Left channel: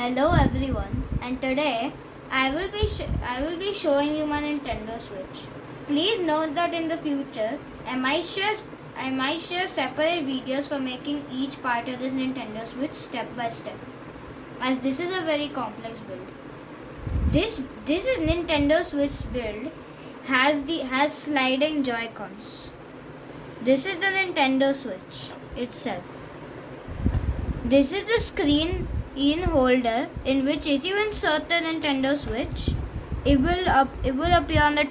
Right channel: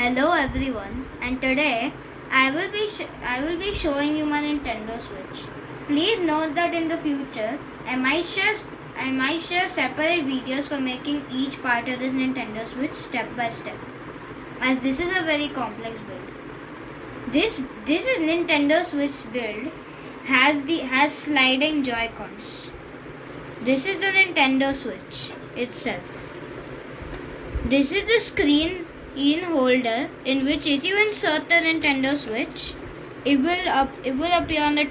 Hello everyone, and today I will be showing you my Nintendo Switch. Please note that in the future I might share separate videos for making each part of this Nintendo Switch step by step, as this is a very complex build. This is Nintendo Switch build has sliding Joy-Cons. This is the Nintendo Switch itself. This is the screen holder in which if you insert the Nintendo Switch, it will appear on the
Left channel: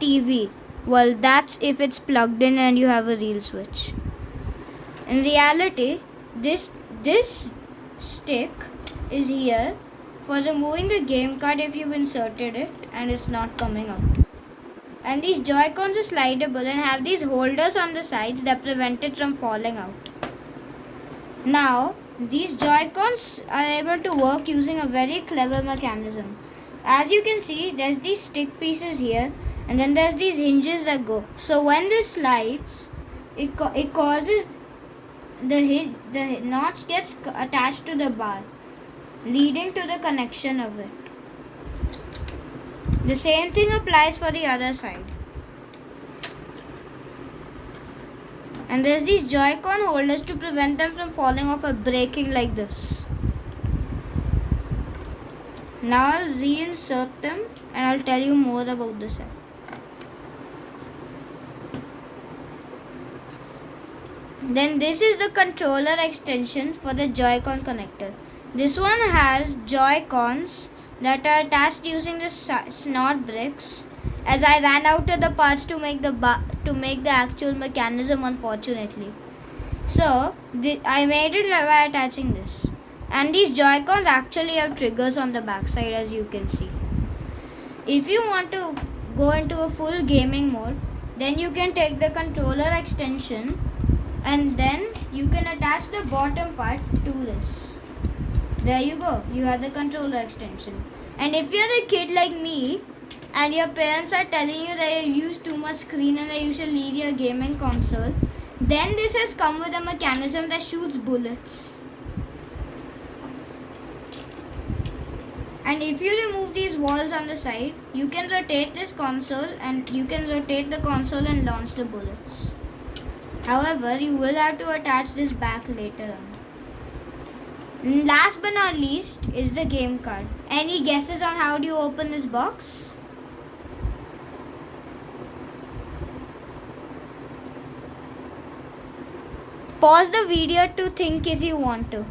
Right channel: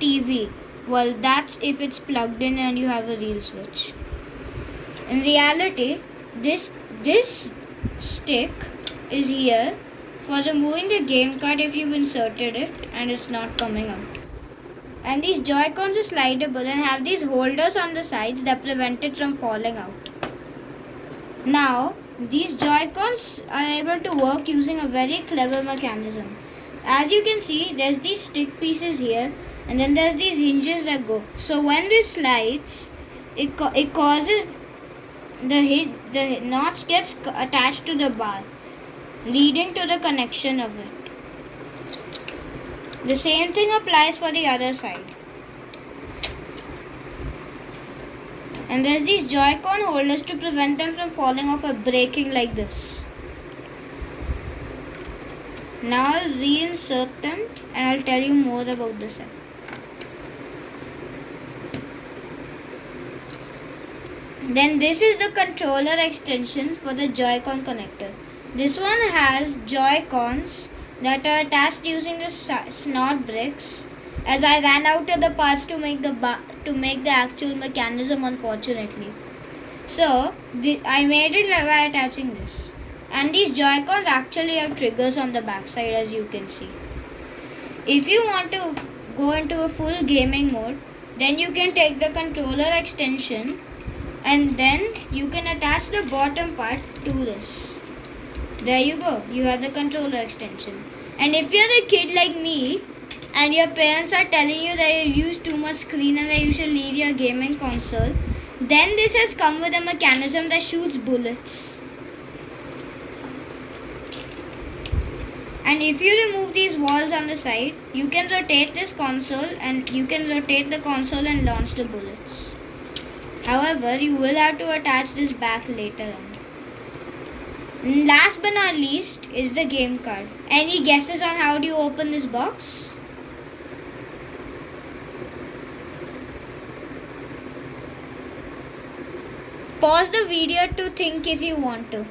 TV. Well, that's if it's plugged in and you have a real switch. In reality, this stick is here for removing the game card if you've inserted it and it's not coming out. And these Joy-Cons are slidable and have these holders on the sides that prevent it from falling out. Now, these Joy-Cons are able to work using a very clever mechanism. As you can see, there's these stick pieces here and then there's these hinges that go. So when this slides, it causes the notch gets attached to the bar, leading to the connection of it. The same thing applies for the other side. And there's these Joy-Con holders to prevent them from falling off or breaking like this. Now I'll reinsert them and I'll tell you more about the set. Then this is the controller extension for the Joy-Con connector. This one has Joy-Cons that are attached using the snot bricks, as I ran out of the parts to make the actual mechanism, unfortunately. So I made it by attaching this. And these Joy-Cons actually have triggers on the back side, as you can see. If you want to go into a full gaming mode, then you can take the controller extension and then you can attach the bottom part to this. There you go, you have the controller extension. And if you're a kid like me and your parents are telling you that you use too much screen and that you should leave your gaming console, then this has come with a mechanism that shoots bullets. And if you remove these walls on the side, you can rotate this console and you can rotate the console and launch the bullets. However, you will have to attach this back later on. Last but not least is the game card. Any guesses on how do you open this box? Pause the video to think if you want to.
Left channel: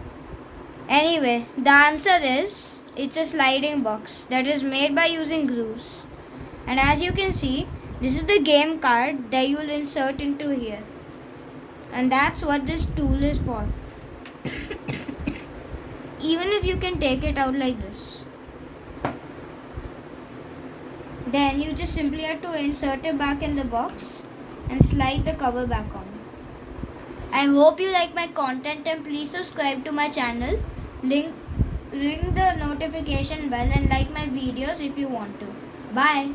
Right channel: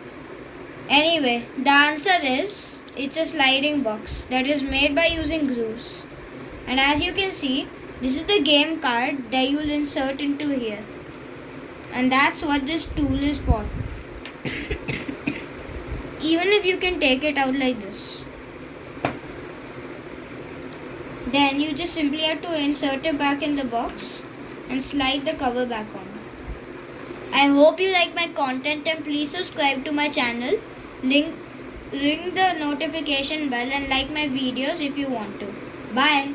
Anyway, the answer is it's a sliding box that is made by using grooves. And as you can see, this is the game card that you'll insert into here. And that's what this tool is for. Even if you can take it out like this, then you just simply have to insert it back in the box and slide the cover back on. I hope you like my content and please subscribe to my channel, ring the notification bell and like my videos if you want to. Bye.